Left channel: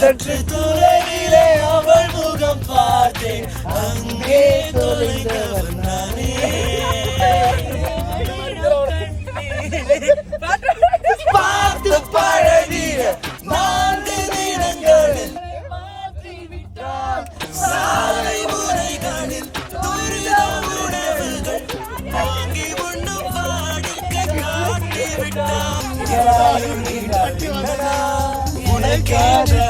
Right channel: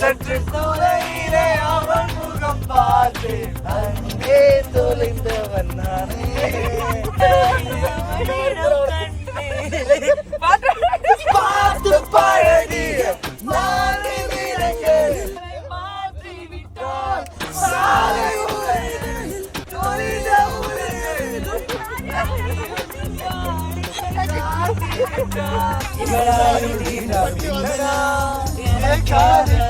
சற்று தூரையிலே அவள் முகம் பார்த்தேன் அங்கே தொலைந்தவர் பார்த்து பழகிய நான்கு நிறங்களில் மாற்றிவிட்டான் சாலை முறைகளில் உனக்காக